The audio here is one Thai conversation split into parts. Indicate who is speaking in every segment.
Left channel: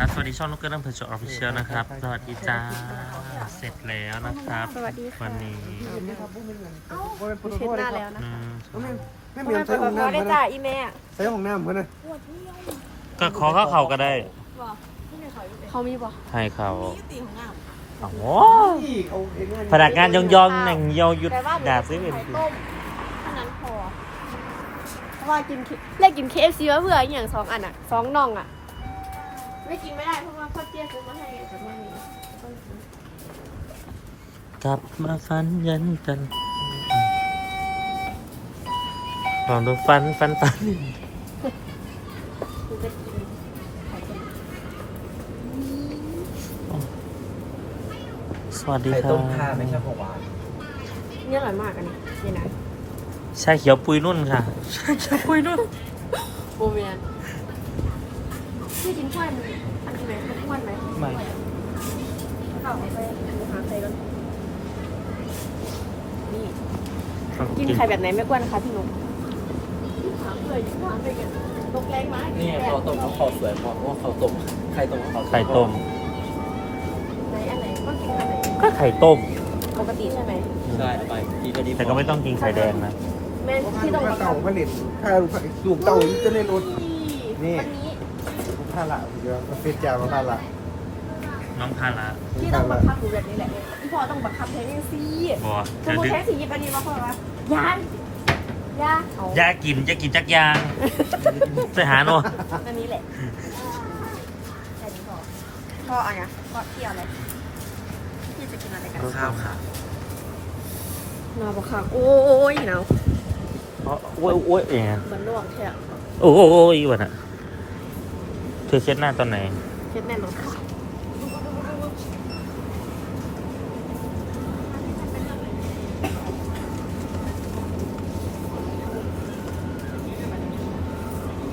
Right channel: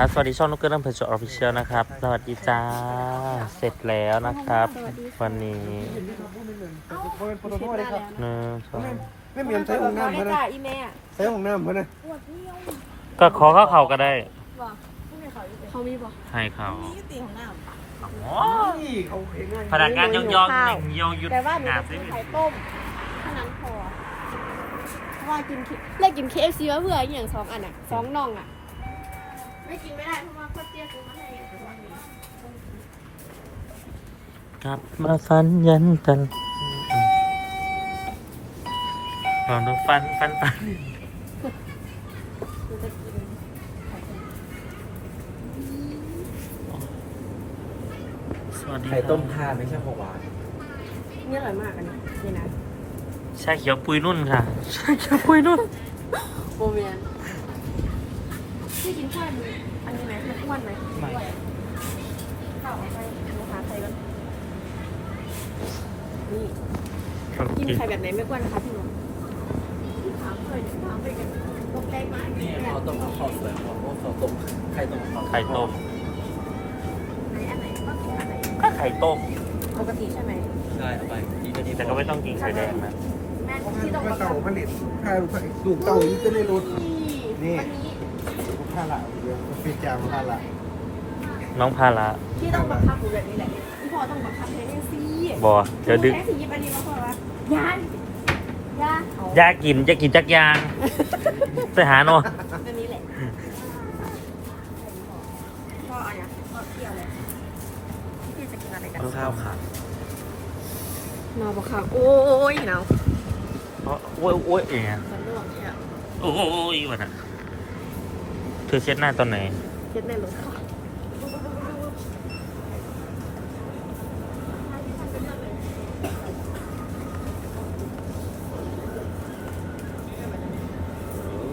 Speaker 1: นะครับ สวัสดีช่องนุกเกอร์น้ำเพชรออฟฟิเชียลนะครับ สวัสดีจ้า เสร็จแล้วนะครับ
Speaker 2: สวัสดีค่ะ
Speaker 1: วันนี้
Speaker 2: เช็ดหน้าแล้วนะ
Speaker 1: หนึ่งสอง
Speaker 3: ไม่เมียนใช้ของ
Speaker 2: พอ
Speaker 3: น้ำ
Speaker 2: ได้
Speaker 3: เพื่อน
Speaker 2: จ้าอีแม่
Speaker 3: ใช้ของน้ำเพื่อนนะ
Speaker 1: ก็ขอเข้าเขาก็ได้
Speaker 2: เขามีบอก
Speaker 1: ให้เขาโอ้โห
Speaker 3: นี่เขาเห็นงาน
Speaker 1: พนักงานยองยองๆหนึ่งยองหยุด
Speaker 2: แต่ว่าเดี๋
Speaker 1: ด่า
Speaker 2: ยว
Speaker 1: ซื้อ
Speaker 2: กิ
Speaker 1: อื่
Speaker 2: น
Speaker 1: น
Speaker 2: ไข่ต้มเท่านั้นพอเพราะว่ากินเรียกกิน KFC มาเพื่ออย่างสองอันอะสองน่องอะ ไม่กินไม่ได้เพราะว่าพ่อเจี๊ยบซื้อมาให้ซื้อมาให้
Speaker 1: กลับมาฟันยันกันลองดูฟันฟันตัน
Speaker 2: กูจะกินไข่ต้ม
Speaker 1: สวัสดี
Speaker 3: ไข่
Speaker 1: ครั
Speaker 3: ต้มทา
Speaker 1: บ
Speaker 3: ไม่ใช่ของหวาน
Speaker 2: นี่อร่อยมากอันนี้นี่นะ
Speaker 1: ชาเขียวปุยนุ่นค่ะ ชาเขียวปุยนุ่น
Speaker 2: โมเมียนพี่กินข้าวมัน อันนี้ไหมมันอ้วนไหมไม่เอาไปหาใครก่อนนี่กินไข่แบบไหนไม่กวนนะคะพี่หนุ่มถามเลยว่าเป็นไงตกแรงไหม
Speaker 3: นี่ข้าวต้มข้าวสวยข้าวข้าวต้มไข่ต้ม
Speaker 1: ไข่ต้ม
Speaker 2: ไหนอันไหนก็กินอันไหน
Speaker 1: ก็ไข่ต้ม
Speaker 2: ปกติใช่ไหม
Speaker 3: ได้ไปดีก็ดี
Speaker 1: แต่ก็ไม่ต้องกินไข่แดงนะ
Speaker 2: แม่ที่ต้อง
Speaker 3: ข้าว
Speaker 2: ท
Speaker 3: เต่าผลิตข้าวลูกเต่าอยู่จะได้รสำนี่
Speaker 2: วันนี้
Speaker 3: กูผ้าละเดี๋ยวเฟียจามาผ้าละ
Speaker 1: น้องพาละ
Speaker 2: ที่ต้องบังคับหนูแบบนี้แหละเนี่ยพี่พอต้องบังคับแทนนี่สิ
Speaker 1: บอ
Speaker 2: ส
Speaker 1: เดี๋
Speaker 2: ม
Speaker 1: ยว
Speaker 2: ม
Speaker 1: ดึ
Speaker 2: ติ
Speaker 1: ก
Speaker 2: แทนสียิบอันนี้มาพอละยานยาเอา
Speaker 1: ยากินจะกินจักยางไปหาโน่
Speaker 2: อันนี้แหละแค่นี้พอพออันเนี้ยพอเที่ยวเลยพี่จะกินอะไรกัน
Speaker 3: ข้าวขา
Speaker 2: นอนบังคับโอ้ยหนาว
Speaker 1: โอ้ยโอ้ยเอง
Speaker 2: มันร่วงใช่ไหม
Speaker 1: โอ้ยโอ้ยวันน่ะ เธอเช็ดหน้าตอนไหน
Speaker 2: เช็ดแม่รถค่ะ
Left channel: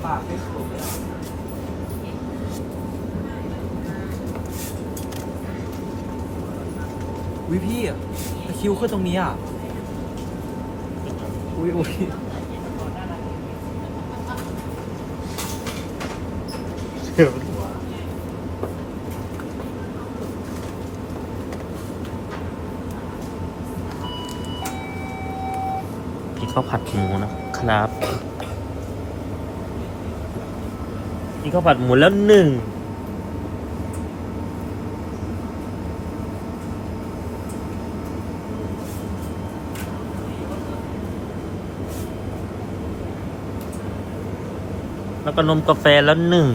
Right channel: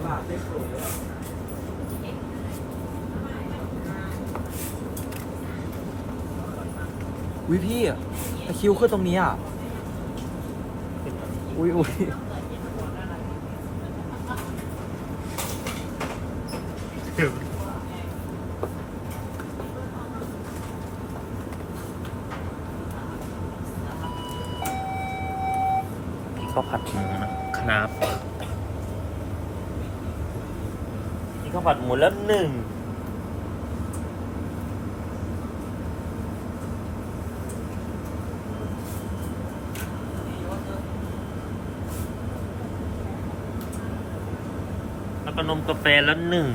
Speaker 3: ปากไม่ถูกเลยอุ้ยพี่ตะคิวขึ้นตรงนี้อะ อุ้ยอุ้ย
Speaker 1: พี่ข้าวผัดหมูนะครับพี่ข้าวผัดหมูแล้วหนึ่งแล้วก็นมกาแฟแล้วหนึ่ง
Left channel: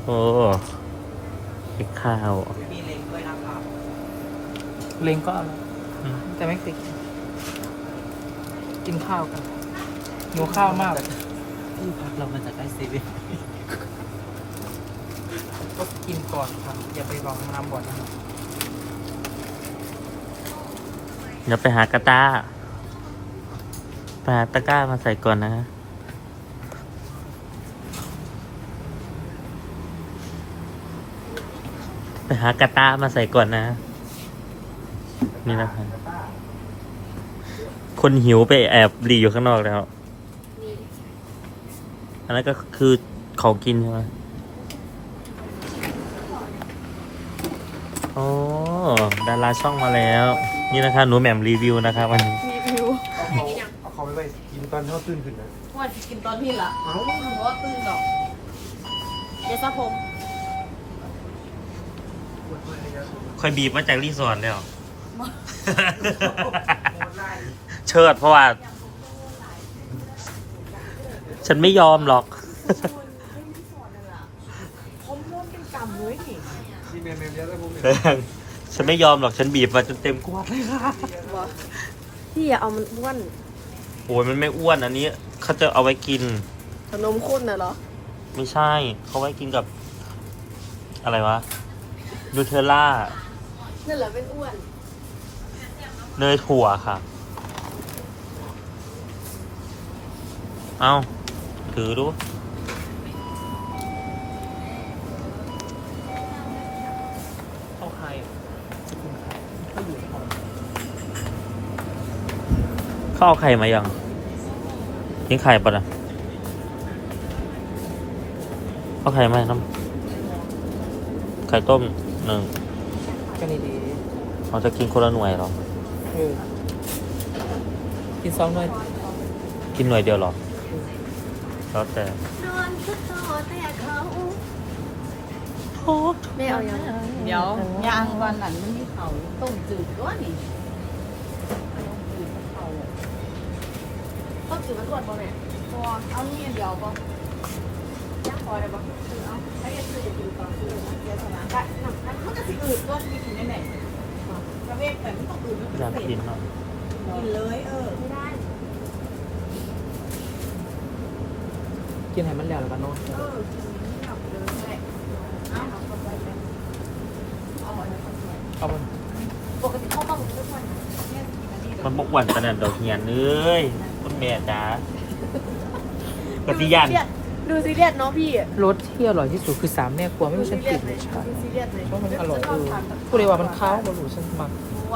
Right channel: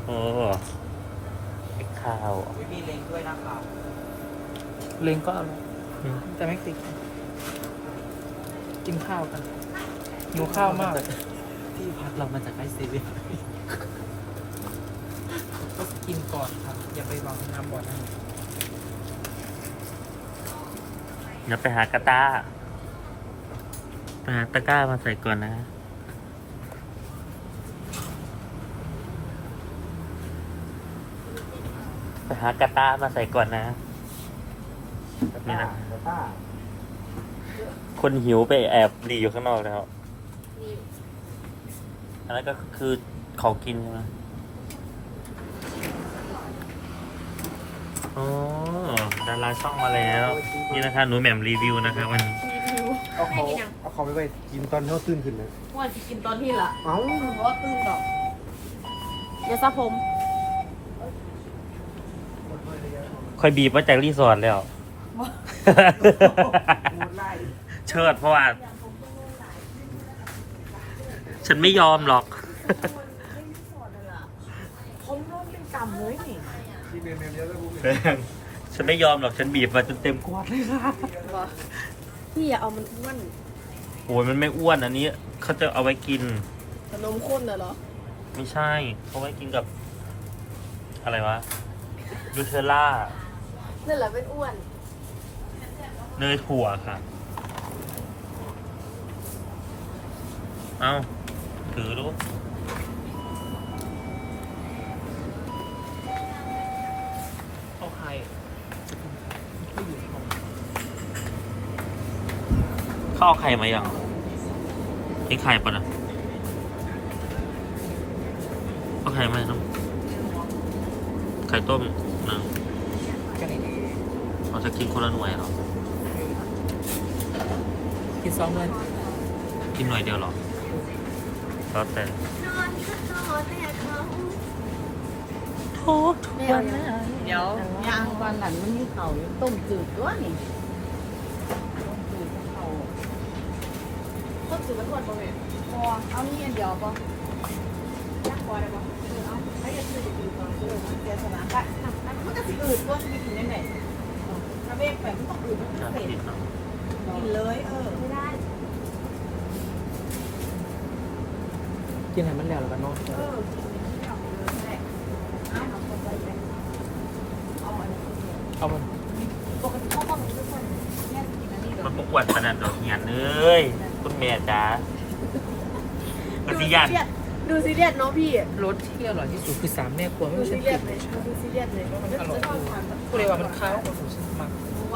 Speaker 1: โอ้ เป็นข้าว
Speaker 3: มีลิงด้วยนะครับ
Speaker 4: เล้งก็อร่อย
Speaker 1: อืม
Speaker 4: แต่ไม่ติดกินข้าวกันหิวข้าวมากเลย
Speaker 1: เรามาจากใกล้เซเว่น
Speaker 4: ก็กินก่อนครับ อย่าไปหวังน้ำบ่อนนะครับ
Speaker 1: เดี๋ยวไปหากระต้าไปหาตะกร้ามาใส่ก่อนนะ ไป หากระต้ามาใส่ก่อนนะ นี่นะครับคนหิวไปแอบหลีอยู่ข้างนอกแล้ว
Speaker 2: นี่
Speaker 1: อันนั้นก็คือของกินใช่ไหมโอ้ดาราช่องมาแล้ว นี่นะครับหนูแหม่มรีวิวนะครับวันนี้
Speaker 2: มีวิว
Speaker 3: เอาของเอาของไปกินตอนเขาตื่นขึ้นนะ
Speaker 2: ว่าจะกินตอนพี่ละ
Speaker 3: เอ้า
Speaker 2: เพราะว่าตื่นดอกยาสระผม
Speaker 1: ค่อยบีบมาจากรีสอร์ทแล้ว เชิดเพราะว่า ฉันไม่ยอมหรอก
Speaker 2: ผมร่วมเป็นกำเลยนี่
Speaker 3: ที่เมนเมนเยอะแล้วกู
Speaker 1: ฉันไม่ยอมหรอกฉันบีบมาจนเต็มขวดเลยค่ะ
Speaker 2: วะพี่อย่าเอามันอ้วน
Speaker 1: โอ้ยมันไม่อ้วนอันนี้เขาจะเอาไว้กิน
Speaker 2: ขนมข้นน่ะเหรอ
Speaker 1: ไม่ใช่เขาไว้กินกับ อะไรวะนูเทลล่า
Speaker 2: นั่นแหละเป็นอ้วน
Speaker 1: เนยถั่วค่ะ เอาถือดู
Speaker 4: เข้าใคร
Speaker 1: ข้าวไข่มายังกินไข่ปะนะเอาไข่ไหมครับ ไข่ต้มหนึ่ง
Speaker 4: ดี
Speaker 1: เราจะกินคนละหน่วยเหรอ
Speaker 4: เออกินสองหน่วย
Speaker 1: กินหน่วยเดียวเหรอแล้วแต่
Speaker 2: ไม่เอายัง
Speaker 5: เดี๋ยวยางวันหลังมันมีเขาต้มจืดด้วยนี่ต้มจืดกับเขา
Speaker 2: ต้นจืดมันทวดป่ะแม่
Speaker 5: พอเอานี่เดียวก็
Speaker 2: ย่างพอได้ป่ะเอาไอ้ยังคือจะกินตอนซื้อเสียสละได้น้ำน้ำ
Speaker 5: มันจะสิอืด องอืดมัน
Speaker 1: อยาก
Speaker 5: เผ็ด
Speaker 1: กินเนาะ
Speaker 5: กินเลยเออ
Speaker 2: ไม่ได้
Speaker 4: กินให้มันแล้วแล้วก็นอน
Speaker 5: เออแหละเอาเข้าไปไปเอาอันนั้นเข้าไป
Speaker 4: เอามัน
Speaker 5: ปกติเขาต้องทุกคนเนี่ยกินอันนี้เดี๋ยว
Speaker 1: มันบกวนขนาดดอกเหียนเอ้ยคุณแม่จ๋าปฏิญาณ
Speaker 2: ดูซีเรียสเนาะพี่
Speaker 4: รสที่อร่อยที่สุดคือสามแม่ครัวไม่
Speaker 2: ดู
Speaker 4: ใช่
Speaker 2: ซีเรี
Speaker 4: กิ
Speaker 2: ยส
Speaker 4: น
Speaker 2: เลยดูซีเรียสเลย
Speaker 4: มันอร่อย
Speaker 2: จะชอบทาน
Speaker 4: กูเลยว่ามันค้าวแต่หมูฉันมาก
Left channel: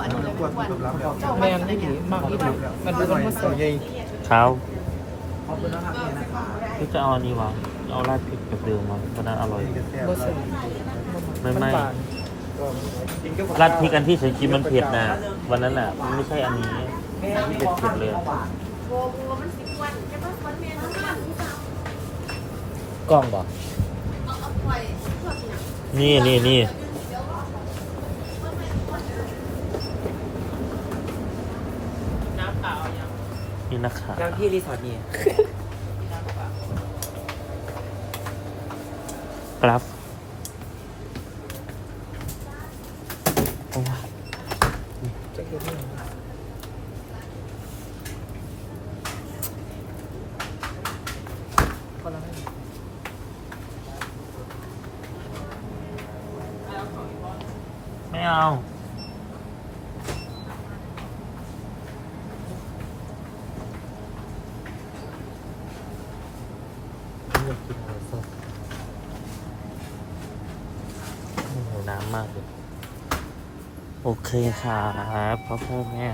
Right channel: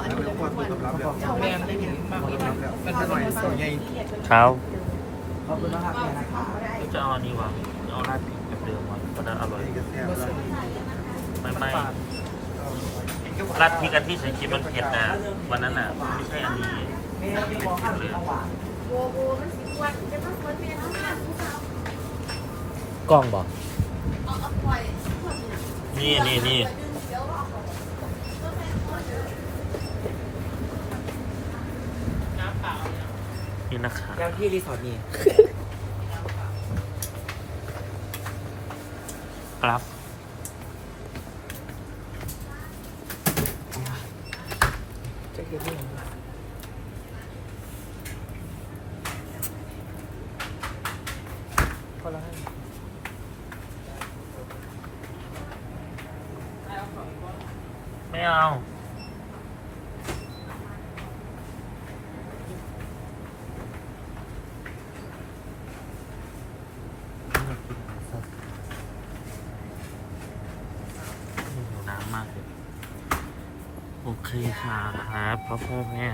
Speaker 2: อันนี้เลยทุกวัน
Speaker 4: แม่ไม่ดีมากอีกมันดูมันเสีย
Speaker 1: เขา
Speaker 3: ขอบคุณนะครับเนี่ยนะครับ
Speaker 1: จะเอาอันนี้วะเอาราดพริกเปรี้ยวๆหน่อยมันน่าอร่อย
Speaker 4: บ่เสีย
Speaker 1: หรือ
Speaker 4: มัน
Speaker 1: ไม่
Speaker 4: บาน
Speaker 1: ราดพริกอันที่ใส่กินมันเผ็ดนะวันนั้นแหละมันไม่ใช่อันนี้มันเผ็ดๆเลย
Speaker 2: โบโบมันสิบวันจะต้องคนเมียน้องนั่น
Speaker 1: กล้องบอ ก
Speaker 2: เอาเอาปล่อยเพื่อนเนี่ย
Speaker 1: นี่นี่นี่นี่นะครับ
Speaker 4: ยังที่รีสอร์ทนี่
Speaker 1: ครับ
Speaker 4: จะเห็นนี่คนละห้า
Speaker 1: ไม่ เอา อยากกินหมูสดโอ้โหน้ำมากเลย โอเคครับพ่อพ่อแม่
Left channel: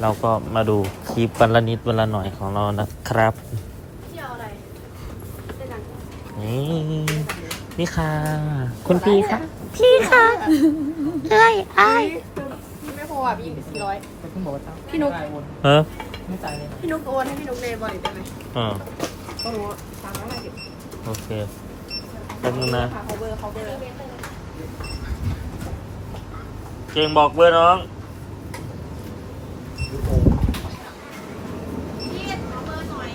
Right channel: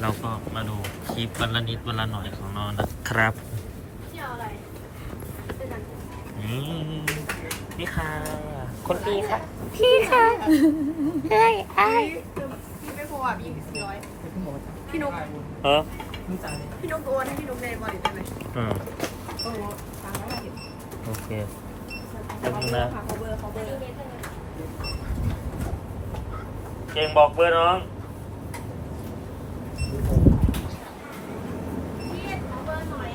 Speaker 1: เราก็มาดูคลิปวันละนิดวันละหน่อยของเรานะครับ
Speaker 2: เที่ยวอะไรเป็นหนัง
Speaker 1: อืม นี่ค่ะ คุณพี่ค่ะ
Speaker 2: พี่ไม่พออะพี่สี่ร้อย
Speaker 4: แต่คุณบอกว่า
Speaker 2: พี่นุ๊ก
Speaker 1: เออ
Speaker 4: ไม่จ่ายเลย
Speaker 2: พี่นุ๊กโอนให้พี่นุ๊กในบริษัทไหม
Speaker 1: เออ
Speaker 2: ก็รู้ตังค์แล้วเก็บ
Speaker 1: โอเคแป๊บนึงนะ
Speaker 2: เขาเบอร์เขาเบอร์
Speaker 1: เก่งบอกเบอร์น้อง
Speaker 2: พี่ขอเบอร์หน่อย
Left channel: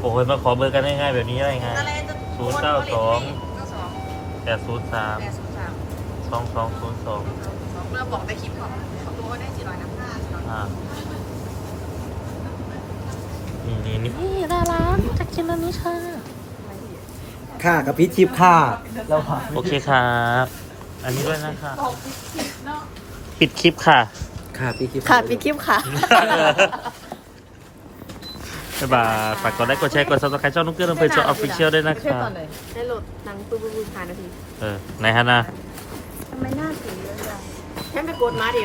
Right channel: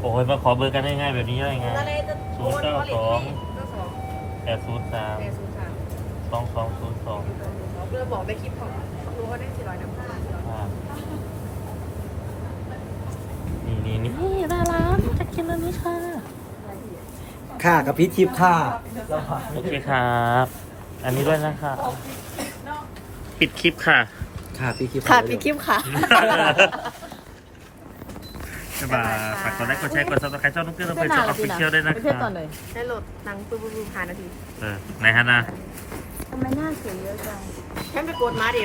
Speaker 1: โอ้ยมาขอเบอร์กันง่ายๆแบบนี้ได้ไง
Speaker 2: อะไรจะ
Speaker 1: ศูนย์เก้าสอง
Speaker 2: เก้าสอง
Speaker 1: แปดศูนย์สาม
Speaker 2: แปดศูนย์สาม
Speaker 1: สองสองศูนย์สอง
Speaker 2: เบอร์บอกในคลิปของเขารู้ว่าได้สี่ร้อยนะ
Speaker 1: อ่านี่นี่นี่นี่น่ารักจะกินอันนี้ค่ะ
Speaker 3: ค่ากับพี่ทิพย์ค่า
Speaker 1: โอเคครับ อันนี้ด้วยนะครับปิดคลิปค่ะ
Speaker 3: ค่าพี่ทิพย์
Speaker 2: ค่ะปิดคลิปค่ะ
Speaker 1: บ๊ายบายฝากกดไลค์กดแชร์กดซับสไครต์ช่องนุ๊กเกอร์ลำเพลินโชว์ออฟฟิเชียลด้วยนะครับ
Speaker 2: ได้โหลดหนังปื้มๆๆผ่านนาที
Speaker 1: เออไหนฮะนะ
Speaker 5: ทำไมหน้าสีเยอะจัง
Speaker 2: แค่ไปกดมาดิ